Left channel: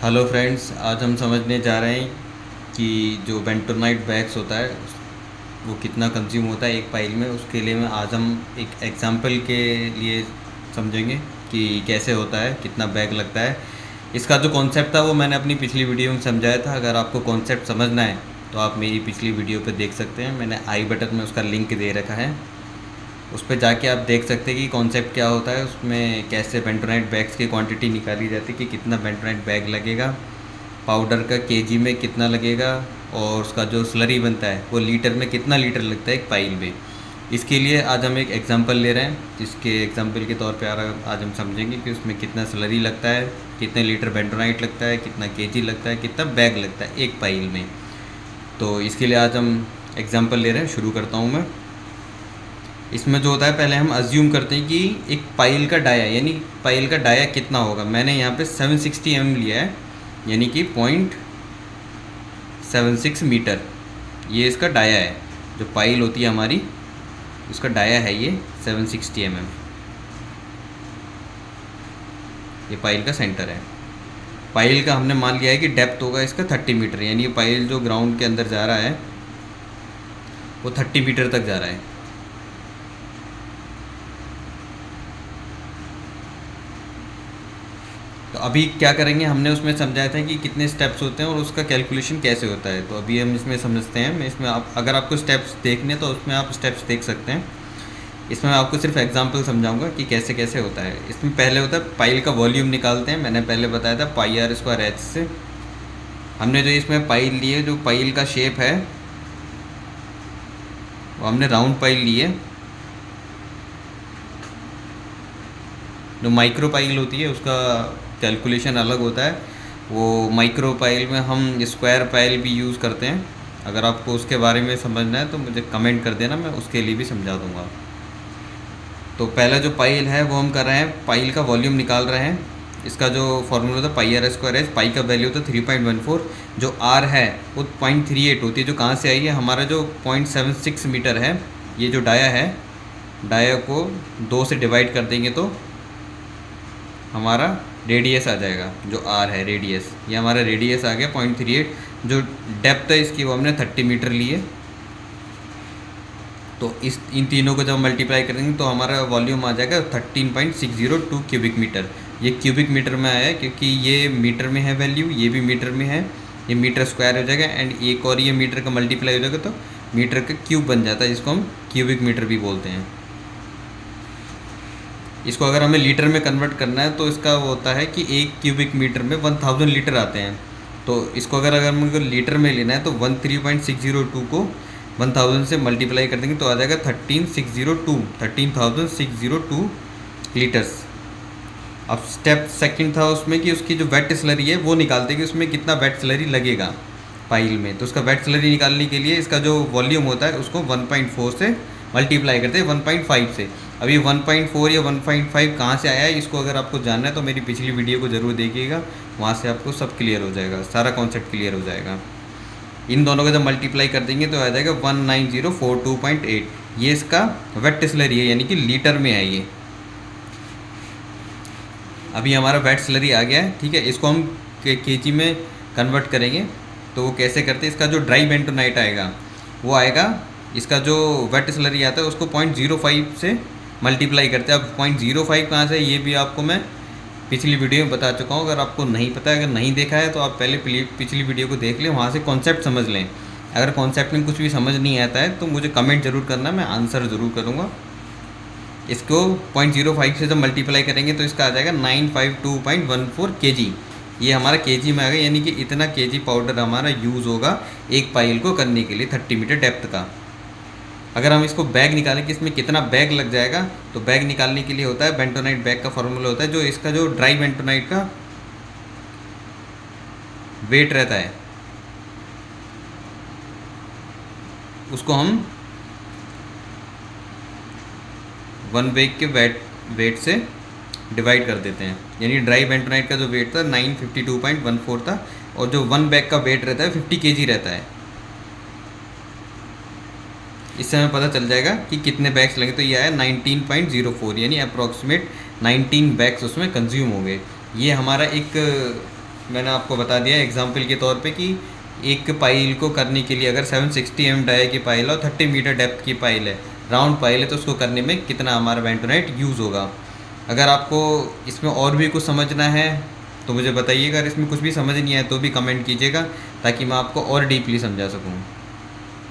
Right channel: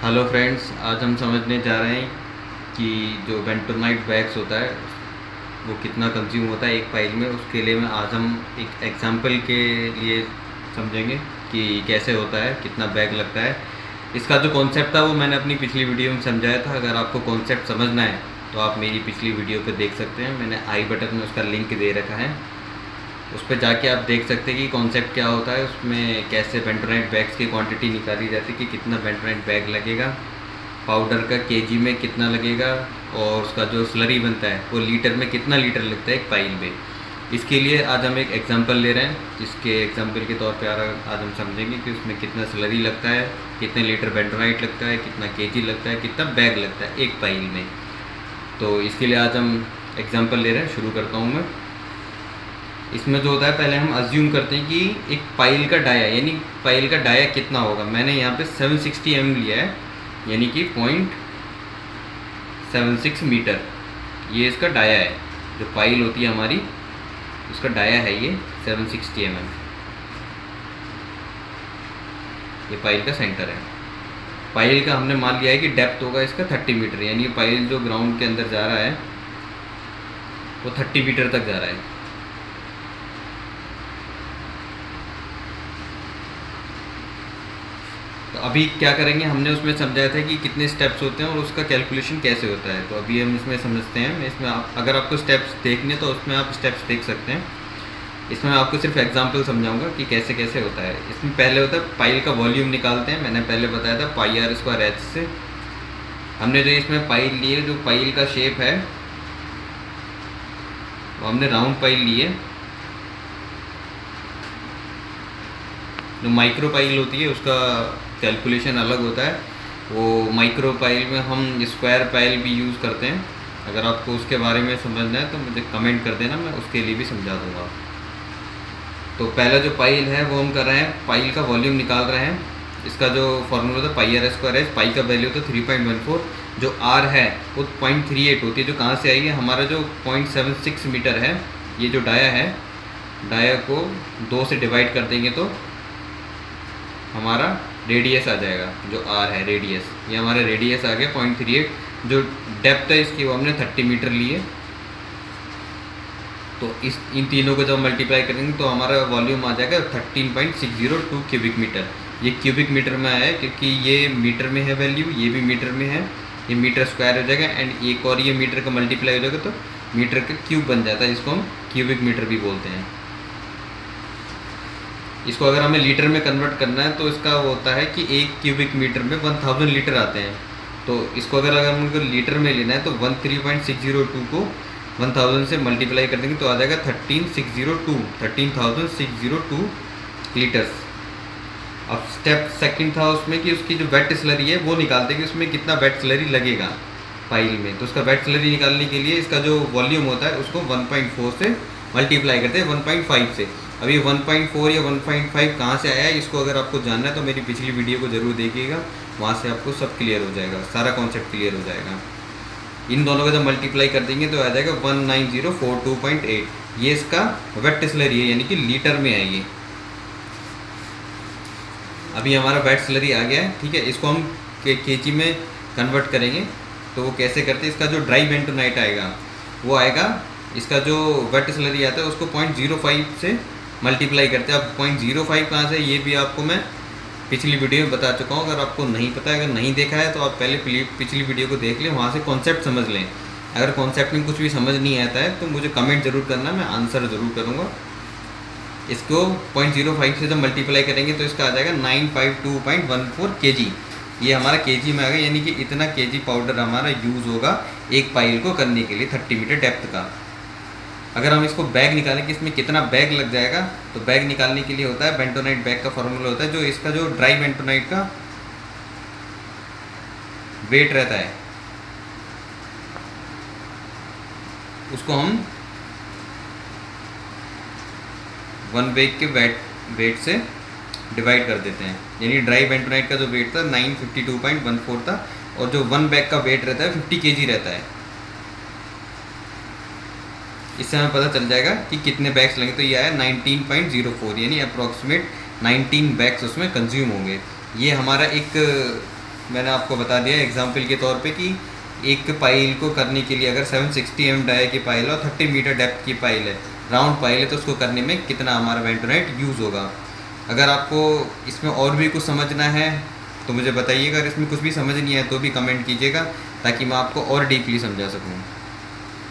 Hello friends, आज हम समझने जा रहे हैं कि जो बेंटोनाइट वैक्स होता है वो कितना कंज्यूम होता है एक पाइल में। उसके लिए मैं आज हम एक एग्जांपल के लिए समझेंगे कि कैसे होता है, कितना बैग लगता है। इसका जो कॉन्सेप्ट था वो मैंने अपनी पिछली वीडियो में समझाया था। अगर आपको कॉन्सेप्ट समझना है तो आप मेरी पिछली वीडियो पर देख सकते हैं। मैंने आई बटन में उसका लिंक दे रखा है, उस पर जाके आप देख सकते हैं कि कॉन्सेप्ट क्या होता है, उसमें कैसे बेंटोनाइट बैग्स की क्वांटिटी निकाली जाती है कि कितना बेंटोनाइट बैग लगेगा, पाउडर का केजी में कितना लगेगा, और उसका जो स्लरी बनता है वो लीटर में कितना लीटर लगता है एक पाइल में। इसके लिए आज हम एक एग्जांपल ले रहे हैं, जिसके एग्जांपल के तौर पे आज हम समझेंगे कि उसमें कितना स्लरी लगता है, कितने लीटर बेंटोनाइट लगता है, कितना केजी लगता है, कितना बैग लगता है एक पाइल में। तो इसके लिए आज हम एग्जांपल ले रहे हैं। शुरू करता हूँ मैं। इसमें जो होता है, पहले हम अज्यूम करते हैं कि एक पाइल का डाया, यानी पाइल का डाया कितना होगा। मैंने यहाँ पे 760 लिया है, यानी कि 0.76 मीटर। ये इसका डाया है, जो पाइल होती है हमारी उसका डाया है ये 760 ये पाइल का सेंटर है। पाइल का हमने मान लिया है कि डेप्थ होगा इसका 30 मीटर, यानी पाइल जो ग्राउंड के अंदर जा रहा है वो 30 मीटर तक जा रहा है। तो अभी क्या करेंगे, हमने उसमें समझाया था कि कितने स्टेप्स होते हैं और उसका कैलकुलेशन कैसे होता है। तो अभी हम इसमें समझते हैं। मैं इसमें आप, अगर आपको स्टेप्स देखने तो उसमें आप स्टेप्स देख सकते हैं। इसमें मैं आपको सिर्फ एग्जांपल समझाऊंगा कि कैसे कैसे होता है। इसमें पहले होता है पाइल का वॉल्यूम निकालते हैं। मैंने पहले बताया था पाई आर स्क्वायर एच से। हमने जो इसमें पाइल लिए, जो पाइल का शेप है वो हमने राउंड पाइल लिए। जो माइक्रो पाइल होती है उसका कैलकुलेशन अलग होता है। वो माइक्रो पाइल में हम स्क्वायर पाइल भी यूज़ करते हैं। अगर आपको उसके बारे में समझना है तो मुझे कमेंट कर देना, मैं उसके लिए भी समझा दूँगा। तो पहला जो पाइल है वो हम कर रहे हैं, पाइल का वॉल्यूम निकाल रहे हैं। इसका जो फॉर्मूला था पाई आर स्क्वायर एच, पाई का वैल्यू था 3.14, जो आर है वो 0.38 होती है। जो कहाँ से आई है, हमारा जो 0.76 मीटर है, ये जो डाया है, डाया को 2 से डिवाइड कर देंगे तो हमारा रेडियस आ जाएगा। जो आर है रेडियस, ये हमारा रेडियस आ गया 0.38। जो डेप्थ है इसकी वो हमने 30 मीटर ली है। तो इस इन तीनों को जब मल्टीप्लाई करेंगे तो हमारा वॉल्यूम आ जाएगा 13.602 क्यूबिक मीटर। ये क्यूबिक मीटर में आया है क्योंकि ये मीटर में है वैल्यू, ये भी मीटर में है, ये मीटर स्क्वायर हो जाएगा। एंड एक और ये मीटर का मल्टीप्लाई हो जाएगा तो मीटर का क्यूब बन जाता है, जिसको हम क्यूबिक मीटर भी बोलते हैं। इसको अगर हमें लीटर में कन्वर्ट करना है तो इसका होता है कि एक क्यूबिक मीटर में 1000 लीटर आते हैं। तो इसको अगर हमको लीटर में लेना है तो 13.602 को 1000 से मल्टीप्लाई कर देंगे तो आ जाएगा 13602 लीटर्स। अब स्टेप सेकंड था उसमें कि उसकी जो वेट स्लरी है वो निकालते हैं कि उसमें कितना वेट स्लरी लगेगा पाइल में। तो उसका वेट स्लरी निकालने के लिए इसका जो वॉल्यूम होता है उसको 1.4 से मल्टीप्लाई करते हैं 1.5 से। अभी 1.4 या 1.5 कहाँ से आया है, इसको अगर आपको जानना है तो मेरी पिछली वीडियो को ज़रूर देखिएगा, वहाँ से आपको सब क्लियर हो जाएगा, सारा कॉन्सेप्ट क्लियर हो जाएगा। इन दोनों को जब मल्टीप्लाई कर देंगे तो आ जाएगा 19042.8। ये इसका वेट स्लरी है, यानी कि लीटर में है ये। अभी हमारा वेट स्लरी आ गया है, ठीक है। इसको हम केजी में कन्वर्ट करेंगे तो वो कैसे करते हैं। इसका जो ड्राई बेंटोनाइट आएगा वो आएगा, इसका जो वेट स्लरी आता है उसको 0.05 से मल्टीप्लाई करते हैं। अब 0.05 कहाँ से, ये भी आपको मैं पिछली वीडियो में बता चुका हूँ। अगर आपको नहीं पता है, अगर नहीं देखा है तो आप पहले पिछली वीडियो को देख लें, वहाँ से कॉन्सेप्ट समझ लें। अगर कॉन्सेप्ट में कुछ भी समझ नहीं आता है तो मुझे कमेंट ज़रूर करना, मैं आंसर ज़रूर करूँगा। इसको 0.05 से जब मल्टीप्लाई करेंगे तो इसका आ जाएगा 952.14 kg। ये हमारा केजी में आ गया, यानी कि इतना केजी पाउडर हमारा यूज़ होगा एक पाइल को करने के लिए 30 मीटर डेप्थ का। अगर हम इसको बैग निकालें कि इसमें कितना बैग लग जाएगा, तो बैग निकालने के लिए होता है बेंटोनाइट बैग का फॉर्मूला होता है। जो इसका जो ड्राई बेंटोनाइट का वेट रहता है उसको हम 1 बैग के वेट से डिवाइड कर देते हैं। यानी ड्राई बेंटोनाइट का जो वेट था 952.14 था, और जो 1 बैग का वेट रहता है 50 kg रहता है। इससे हमें पता चल जाएगा कि कितने बैग्स लगेंगे। तो ये आया 19.04, यानी अप्रॉक्सीमेट 19 बैग्स उसमें कंज्यूम होंगे। ये हमारा एक मैंने आपको बता दिया एग्जाम्पल के तौर पे कि एक पाइल को करने के लिए अगर 760 डाई की पाइल है और 30 मीटर डेप्थ की पाइल है, राउंड पाइल है, तो उसको करने में कितना हमारा बेंटोनाइट यूज़ होगा। अगर आपको इसमें और भी कुछ समझना है तो मुझे बताइएगा, अगर इसमें कुछ भी समझ नहीं है तो भी कमेंट कीजिएगा ताकि मैं आपको और डीपली समझा सकूँ।